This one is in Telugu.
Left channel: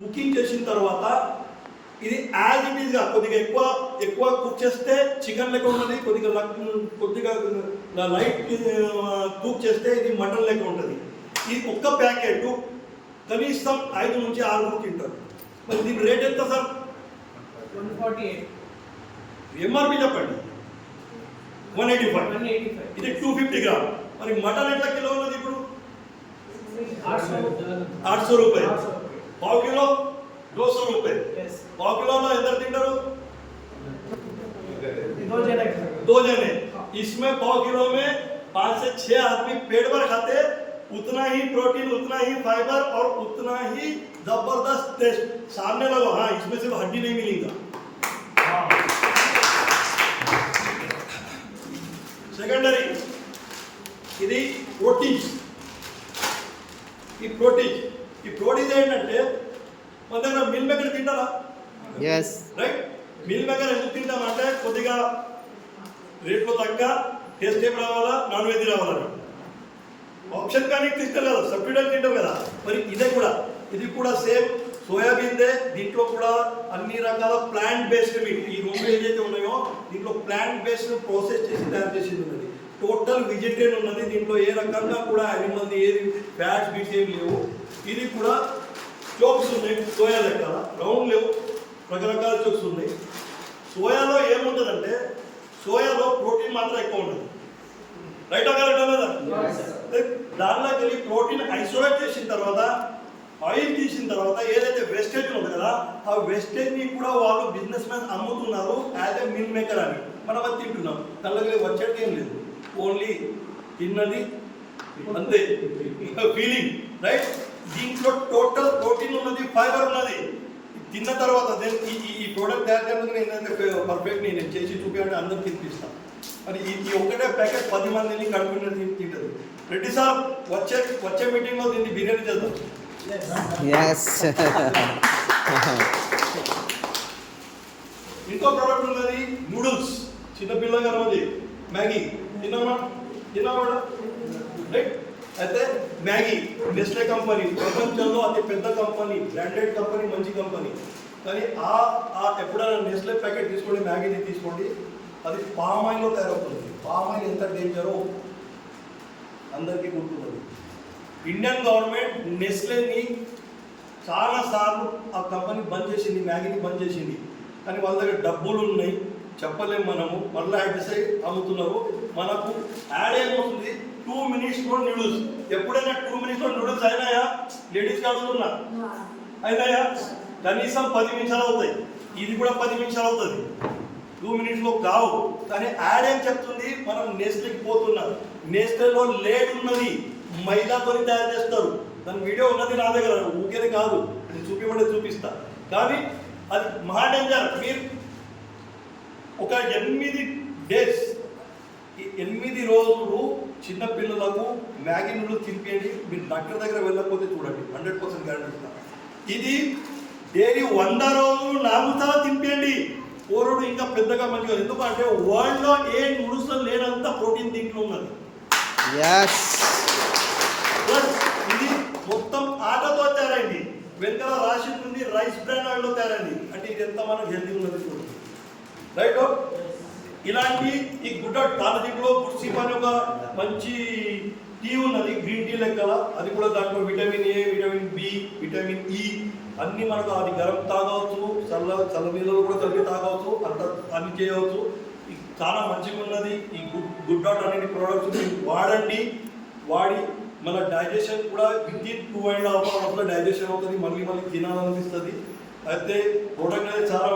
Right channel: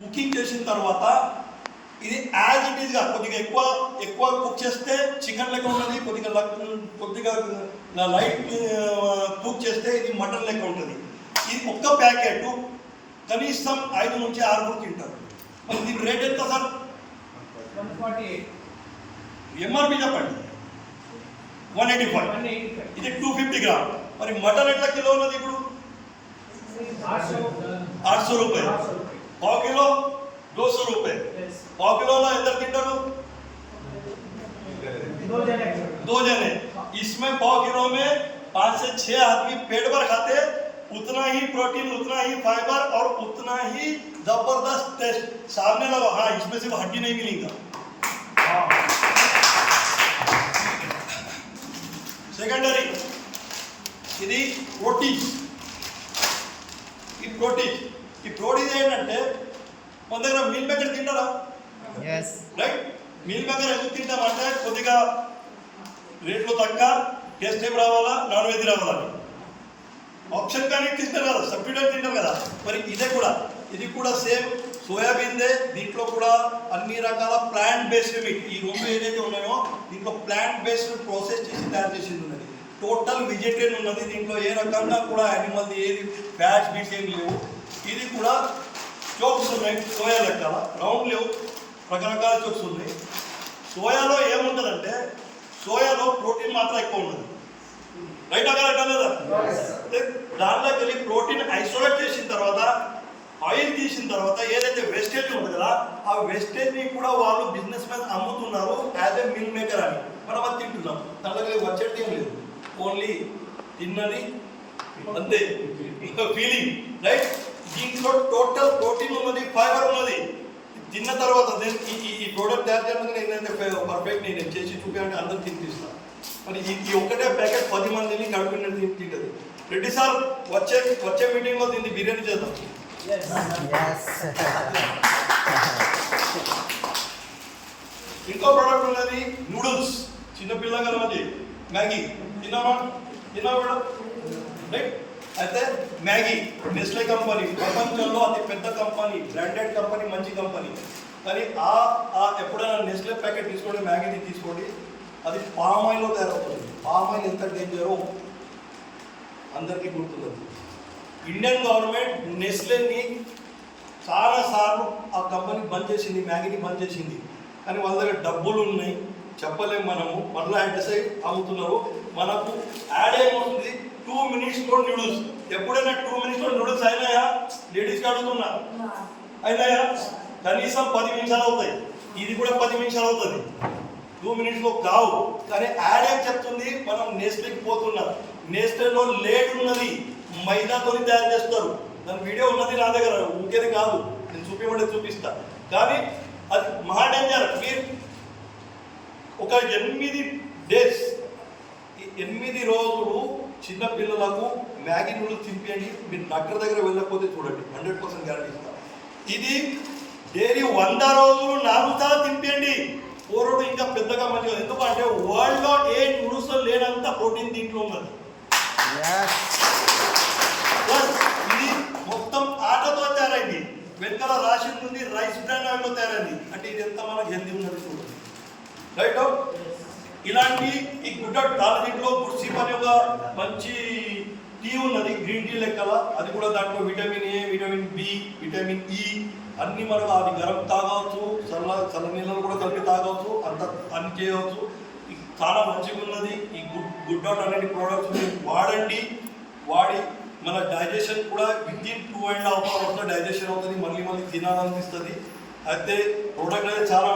కుకింగ్ చేసిన తర్వాత ఇది యాజ్ ఇట్ ఈస్గా కొద్దిగా ఎక్కువ కుక్ చేస్తే చికెన్ లెక్క ఉంటుంది, కొద్దిగా లైట్ కుక్ చేస్తే ఇది మటన్ లెక్క ఉంటుంది. ఇది ఒక్క ప్యాకెట్ కనీసం 5 నుంచి 6 తింటారు. మరి దీని రేట్ ఎంత సార్? 148. ఎంఆర్పి చెప్పండి. 185. ఇది 250 గ్రామ్. మరి మటన్ ఎట్లా కిలో ఉన్నది ఇప్పుడు? 800 రూపాయలు. पाव किलो 200 रुपए. पाव किलो में इधर तिंटारू 2 जने. इसमें पाव किलो में 5 से 6 आदमी पेट भर खाते, उतना ही प्रोटीन, उतना ही फाइबर और उतना ही जबरदस्त टेस्ट सामने लगा. हाँ, इसमें सिर्फ हड्डी नहीं मिलेगा. सेकेंडरी ఇది ప్రోటీన్. ఈ ప్రోటీన్ ఏంటంటే మన దగ్గర మీల్ మేకర్ తింటారా? రైట్. మీల్ మేకర్ ఎందుకు తింటామంటే కొద్దిగా రేట్లో తగ్గ టేస్ట్ ఏం రావాలా, నాన్ వెజ్ రావాలని ఆప్షన్ కానీ తింటారు కదా, సబ్స్టిట్యూట్ తింటారు కదా. మరి ఇది కూడా సేమ్ సోయాబీన్దే. దీంట్లో కూడా అన్ని రకాల ప్లాంట్ బేస్డ్ మీట్, ఈ 2 ఏదైతే ఉన్నాయో దీంట్లో ప్లాంట్ బేస్డ్ ప్రాసెస్ చేసి తయారు చేసేది ఉన్నది. టోటల్ వెజిటేరియన్ ఉన్నది. దీంట్లో ఏ రకంగా కూడా యానిమల్ది ఏది ఫ్యాట్స్ బీట్స్ ఏమి లేవు. ఇది కూడా చోక్స్ ఉన్నాయి, సోయా లెక్కల రౌండ్ లేవు, రకరకాల చోక్స్ ఉన్నాయి. సోయాలో ఏముంటుందంటే సోయాలో ప్రోటీన్ మాత్రం ఎక్కువ ఉంటుంది. రైట్ కరెక్టా లేదా? దాంట్లోకి వెళ్ళి ప్రోటీన్ ఐసోలేట్ చేసిన తర్వాత ఆయిల్ తీసిన తర్వాత ఏదైతే వేస్టేజ్ ఉంటుంది కదా, ఆ వేస్టేజ్ని కూడా వాళ్ళు బిజినెస్ మ్యాన్ అమ్ముతున్నారు యాజ్ ఎ మిల్ మేకర్ అని. మనం అది తింటున్నాం. దాంట్లోకి వచ్చేది ఏం లేదు, ఓన్లీ తిన్నది అంతే, ఫీలింగ్. రైట్. దీంట్లో టోటల్ ప్రోటీన్ ఉన్నది, ఫైబర్ ఉన్నది. తిన్న తర్వాత ఈ ప్రోడక్ట్ తయారు చేయడానికి నేనైతే పర్ఫెక్ట్ నేను చేసి చూపించాలంటే అందరికి తినిపిస్తాను. మరి ఈ ఒక్కటే ప్యాకెట్ 10 మందిని కడుపుని తింటుంది. రెడ్డి సార్ వచ్చే మీటింగ్లో దీన్ని బిర్యానీ చేద్దాం. ఇంకో ప్రోడక్ట్ ఉన్నది నూడిల్స్. చిన్నపిల్లగా ఉన్నది మ్యాగీ. తిన్నామా రైట్. అయితే మ్యాగీ నెస్లే కంపెనీ ప్రపంచంలో అతి పెద్ద కంపెనీ, బ్రాండెడ్ కంపెనీ, మంచి కంపెనీ. కానీ ఎప్పుడైనా నెస్లే ప్యాకెట్ తీసుకోండి, మ్యాగీని తీసుకోండి, అది పామ్ ఆయిల్లో తయారవుతుంది. పామ్ ఆయిల్ ఎంత డేంజరో అందరికీ గుర్తున్నది. ఇండియన్ గవర్నమెంట్ నెస్లేని చాలాసార్లు ఆ కంపెనీ బంద్ చేసింది, మ్యాగీని బంద్ చేసింది. కానీ వాళ్ళ దగ్గర డబ్బులు ఉన్నాయి, చెప్పలేము మనము. మళ్ళీ అడ్సైడ్ అమ్ముతున్నారు. మనకు యాడ్ ఏమవుతుంది, 2 మినిట్స్లో నూడిల్స్. ఎప్పుడైనా 2 మినిట్స్లో నూడిల్స్ అయినాయా? లేడీస్కి అడుగుతున్నా, అయినాయా? కనీసం 10 నిమిషాలు అవుతాయి. ఇది కూడా 10 నిమిషాలు అవుతుంది, 2 మినిట్స్లో కావు. కానీ యాడ్ ఏం చెప్తుంది, మనం నెస్లేకి పోతున్నాం. నెస్లేలో లేడ్ ఉన్నది, మైదాతో తయారు చేస్తారు. దాని వీడియో ఉన్నది నా దగ్గర, ఊరికేనే కాదు, నేను చూపించమంటే చూపిస్తా. కానీ అది మహా డేంజర్. మీరు ఒక 8 డేస్, ఈ 8 రోజులు చిన్నపిల్లలకు మ్యాగీ నూడిల్స్ తినిపించండి. మీరు డాక్టర్ దగ్గర వెళ్ళకపోతే చూడండి, 100% గ్యారంటీ ఇస్తాం. ఇది డైలీ 100 రోజులు 4 సార్లు తినిపించండి. పోరుడు ఇంకా పెద్దగా మంచిగా. ఎందుకంటే వరల్డ్లో ఏ నూడిల్స్లో లేనంత ప్రోటీన్ దీంట్లో ఉన్నది. ప్లస్ ఇది మొత్తం ఆటతో తయారైంది. వెనకాల రాసి ఉంటుంది రైస్ బ్రాండ్ ఆయిల్లో తయారైంది. అంటే ఇది ఎంత మనకు హెల్తీ ఉన్నది చూడండి. రైట్. ఇలాంటి ఈ గుడ్ టాలజింగ్లో గుడ్ సీప్ అని ఒక మంచి టీ ఉన్నది, గ్రీన్ టీ లెక్కల. అది కూడా దాంట్లో vitamin A, vitamin B, vitamin E అన్నీ మనకు. అది గరం తాగవచ్చు, చల్ల నీళ్ళలో కూడా కలిపి తాగవచ్చు, అన్ని చేయవచ్చు. చాలా మంచిగా ఉన్నది. ఈ గుడ్ డాట్ అనే ప్రోడక్ట్స్ వాడండి. వాడి మన డైజెషన్ కూడా వితిన్ 2.5 అవర్స్లో డైజెషన్ అవుతుంది. మళ్ళీ తినాలనిపిస్తుంది. అయితే ప్రోడక్ట్ అయితే చాలా